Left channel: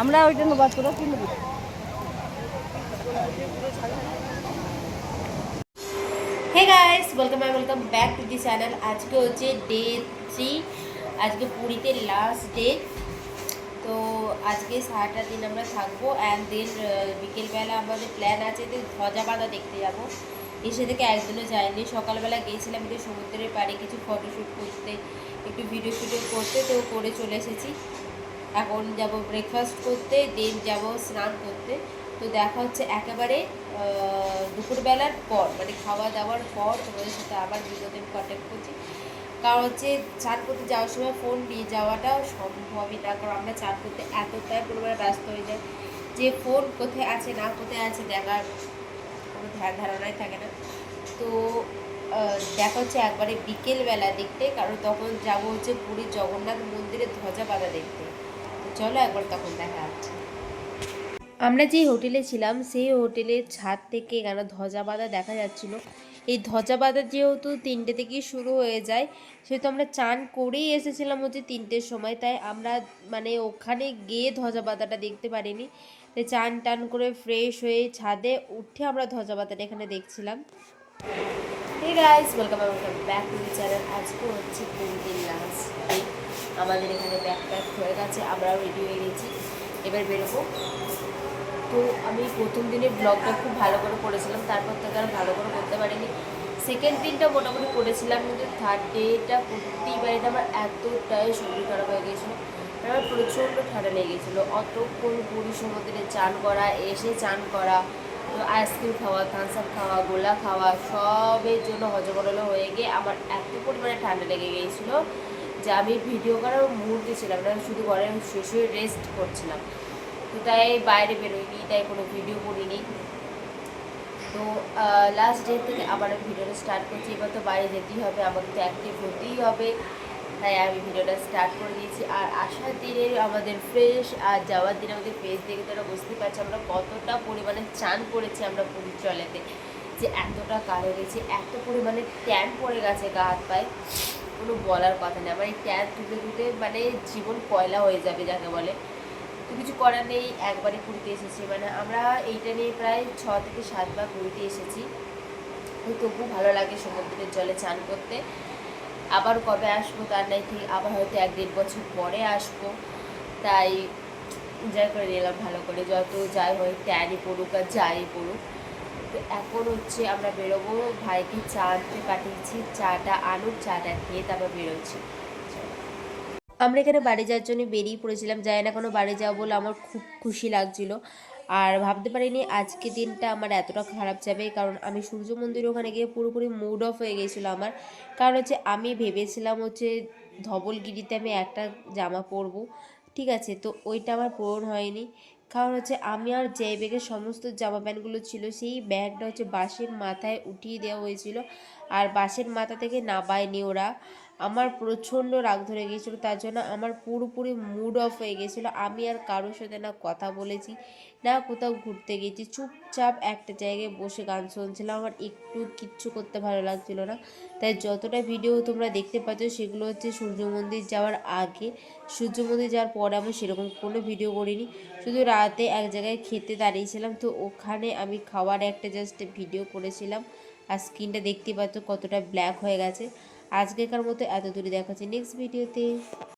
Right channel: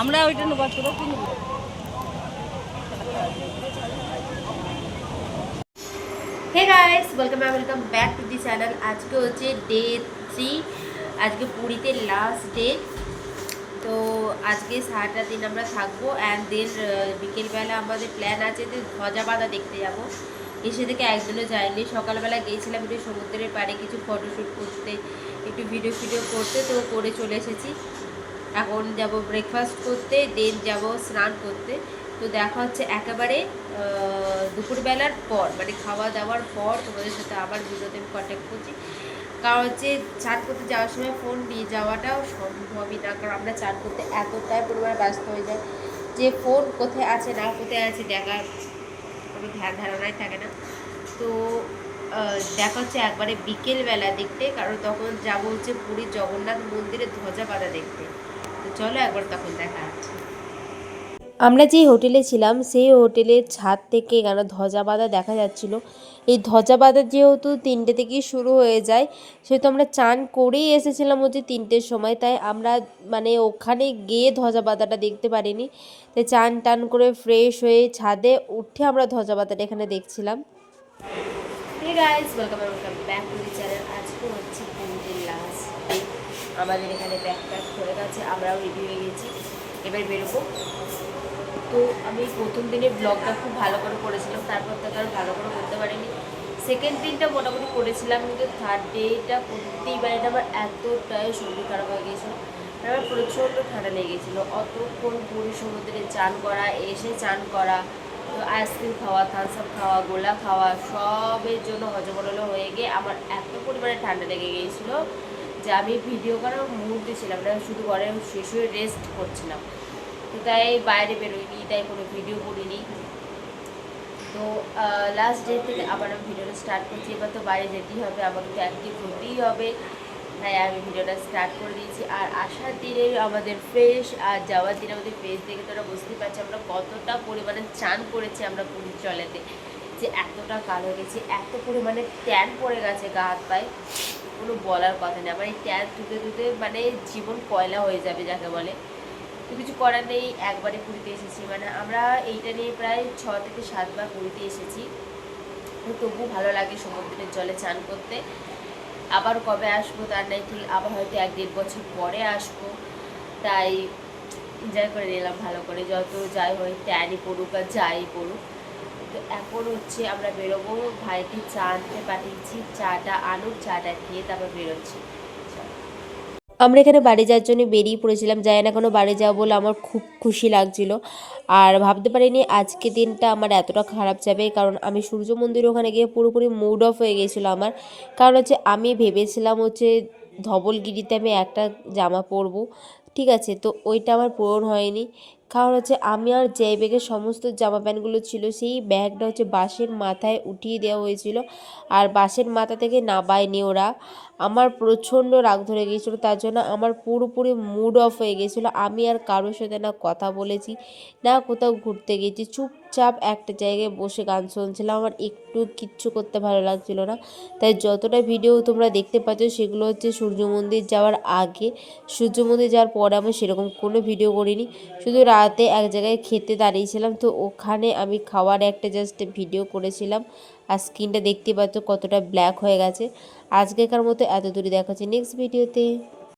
আমরা ওইটা নেবো তোরা কি নেবো? Hey guys, welcome back to the channel. আজকে হচ্ছে ডে 3। আজকে পুরীতে লাস্ট ডে। তো আজকে সারাটা দিন আমরা থাকবো অ্যান্ড দেন বিকেলবেলা আমাদের প্ল্যান আছে যে ধ্বজা বাঁধা দেখতে যাবো। এসে থেকে একদিনও যাইনি। সকালবেলা গিয়েছিলাম একটু সমুদ্রের পাড়ে কিছু ফটোশ্যুট করতে, একটু ভিডিও শ্যুটও করতে, তো করে চলে এসেছি। এখন যাব ব্রেকফাস্ট করতে, দেন যাব স্নান করতে। তো দেখা হচ্ছে একেবারে দুপুরবেলার পর, মানে খাওয়া দাওয়ার পর তোমাদের সাথে আবার ভিডিওতে কন্ট্যাক্ট করছি। কারণ হচ্ছে চান করতে যাওয়ার সময় ফোন নিয়ে যাওয়াটাও সম্ভবই না, কারণ আমরা চান করতে এতটাই পরিমাণে ব্যস্ত হয়ে যাই যে ফোন কোথায় আছে না কোথায় আছে দেখার কোনো ধারণাই থাকে না। তো দেখা হচ্ছে একবারে বিকেলবেলা দেখতে, কারণ তখন যাবো হচ্ছে পুরী জগন্নাথ মন্দিরে ধ্বজা বাঁধা দেখতে। তো চলো একবার তখন দেখা যাচ্ছে। আমরা যেই হোটেলে ছিলাম সেই হোটেলের ছাদ থেকে কেন ধ্বজা বাঁধা দেখা যাচ্ছিল। এই ধ্বজা বাঁধা যেহেতু 3টে থেকেই শুরু হয়ে যায়, সেহেতু আমরা চান করেই এসেছিলাম হচ্ছে 3টের সময়, তাই আমরা মানে ওখানে গিয়ে ধ্বজা বাঁধাটা দেখতে পারিনি। তাই চান টান করে ফ্রেশ হয়ে ছাদে উঠে আমরা ধ্বজা বাঁধাটা এখানে দেখছিলাম। Hey guys, welcome back to the channel. আজকে হচ্ছে পুরীতে লাস্ট ডে। আমাদের এখানে ব্যাকপ্যাক হয়ে গেছে, আমরাও রেডি হয়ে গেছি, এবার বেরোবো। তো আমি প্রথম দিনে ব্লগটা খুব ভালো করে করেছিলাম, তারপর থেকে আর ভালো করে করতে পারিনি। সেকেন্ড দিনটা মোটামুটি করেছিলাম, কিন্তু থার্ড ডেটা প্রতিবারে আমার এতটাই শরীর খারাপ হয়ে গিয়েছিলো। আমার প্রচণ্ড ঠান্ডা লেগে গিয়েছিলো। অতক্ষণ পুরী সমুদ্রে চান করা, এসে চান করা, তো আইসক্রিম খাওয়া, থামস আপ খাওয়া, গোলা খাওয়া, সবের জন্য হজগোলা হয়ে গিয়ে আমার এত পরিমাণে ঠান্ডা লেগে গিয়েছিলো যে আমি ভিডিও করার মুহূর্তে ছিলাম না, শুধু ঘরে শেষ হয়ে রেস্ট করছিলাম। তো তাই বাইরে বেরোইনি, তাই কোনো ভিডিও করিনি। তো লাস্ট ডে থেকে আবার আমি ভিডিওটা স্টার্ট করছি। এবার তো বাইরে যেতেই হবে, আমাকে তো অ্যাক্টিভ হতেই হবে, তাই আমি ভিডিওটা স্টার্ট করে দিয়েছি। আর আসার দিনে আমাদের ফ্রেশ আর যাওয়ার দিনে আমাদের ফ্রেশ দেখে তোরা বুঝতেই পারছি আমরা কতটা পরিমাণে চান করেছি আমরা পুরীর জলেতে, যে এতটা কালো হয়ে গেছি, এত পরিমাণে ট্যান পড়ে গেছে গা হাত পায়ে, কোনো বলার কথা নেই। আমার এই ট্যান ধুতে ধুতে মানে জীবন কয়লা হয়ে যাবে যাকে বলে। তো কিছু করার নেই, একবারে পুরীতে এসেছি, মানে আমরা এইটা নিয়ে প্রায় 6 থেকে 7 বার পুরীতে এসেছি। তো তবু ভালো লাগে সমুদ্রের জলে চান করতে। আবার কবে আসবো তার নাই ঠিক, আবার হয়তো 1-1.5 বছর পরে আসবো, তাই এনজয় করে নিলাম ভালো করে, যত যাই হয় ট্যানই পড়ুক আর যাই পড়ুক। তো এখন হচ্ছে আমরা বেরোবো, ভাইকে চা আনতে পাঠিয়েছি, চাটা আনুক, চাটা খেয়ে তারপর বেরোচ্ছি। আমরা এখানে বাড়ি যাওয়ার জন্য বেরিয়ে পড়েছিলাম, যাই না কোনো বাড়ি যাবো বলে আমার খুব খুশি লাগছিল। আর ভাবতে পারিনি আজকে দিনটা আমার এতটা খারাপ যাবে, কারণ আমি সূর্য মন্দির ওখানে গিয়ে পুরোপুরি মুড অফ হয়ে গিয়েছিলো আমার। কারণ হচ্ছে আমি ভেবেছিলাম হচ্ছে ধবলগিরিতে আমি একটা জামা পরবো, ঠিক আছে, তো ওইটা আমার পূরণ হয়নি। কারণ হচ্ছে আমি আর যে ব্যাগের সমস্ত জামা প্যান্টগুলো ছিল সেই ব্যাগটা হচ্ছে বাসের মাথায় উঠিয়ে দেওয়া হয়েছিল, আর বাসের মাথা থেকে নামায়নি ওরা। আমার প্রচণ্ড রাগ ধরে গিয়েছিলো, তার জন্য আমার পুরোপুরি মুড অফ হয়ে গিয়েছিলো। আমি আর কারোর সাথে না কথা বলেছি, না কোথাও ঘুরতে গেছি, চুপচাপ একটা জায়গায় বসে গান শুনছিলাম। আমার একটু কিচ্ছু করতে ভালো লাগছিলো না। তাই যতটা ভিডিও তোমরা দেখতে পাচ্ছ সেগুলো হচ্ছে সূর্য মন্দির যাওয়ার আগে। সূর্য মন্দির যাওয়ার পরে আমি সেরকম কোনো ভিডিও করিনি, শুধু রাতে এক জায়গায় খেতে দাঁড়িয়েছিলাম, তো ওখানে আমি খাওয়ার একটা জাস্ট ভিডিও করেছিলাম। আর স্কিনটা দেখতে পাচ্ছ কতটা ব্ল্যাক হয়ে গেছে। আজকেকার মতো এত দূরে দেখা হচ্ছে নেক্সট ভিডিওতে।